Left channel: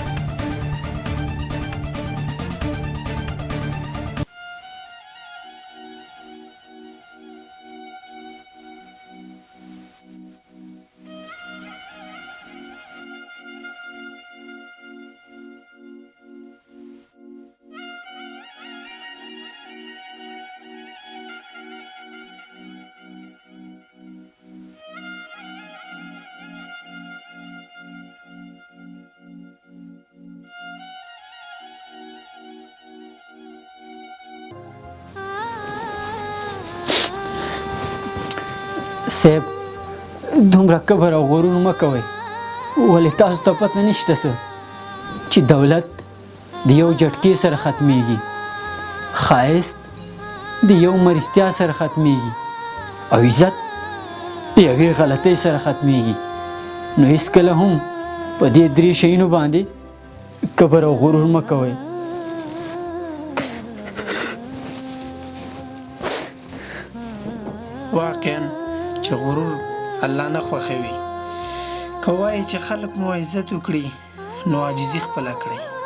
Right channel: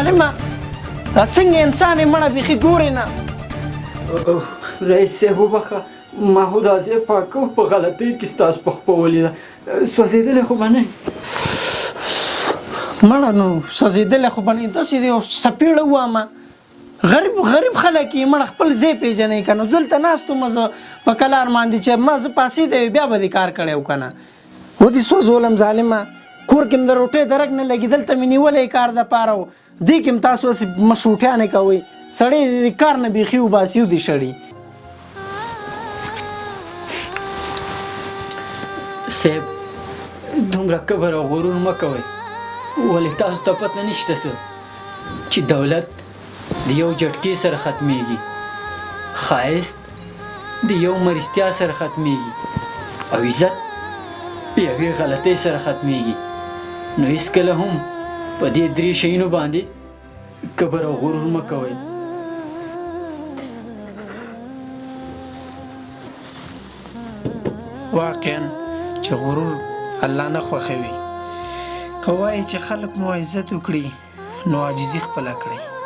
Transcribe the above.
ظالمه دا څنګه انسان یې مړه بیخي ګورې نه. رئیس صاحب وبخښه ما خو دا ځای پاکه په غلطۍ کې ستاسو په خپه ولیده سوځېدلی خو به نه مړه نو سوځېدلی خو به نه داسې د یو څپېړه ووامه غریب خلک یې مړه خپل ځای پېژنئ که نو دلته ناست وم زه په کلار باندې چې ما زه پاسېدی بیا به دې کار کړی و که نه ودې سوځولم ظالمه کور کې م د روټۍ درک نه لګي دلته مې نیولی کار دپاره و دې کې م تاسو هسې مشروطیانې کوئ سړی د کار نه بیخي وباسي و دې شړي. صاحب دومره کبر او غرور مه کوئ ولې تاسو ته پته نشته څه چې دولت د یو جټکې سره ختمیږي ښایست د یو مرستیا سره ختمیږي او عزت د یوې غلطۍ سره ختمیږي نو هېڅکله هم په دې درې شیانو باندې کبر او غرور مه کوئ. واقعا چې غرور الله نه خوښوي که وایي چې خلک مو عزت وکړي نو عاجزي خپله کړئ.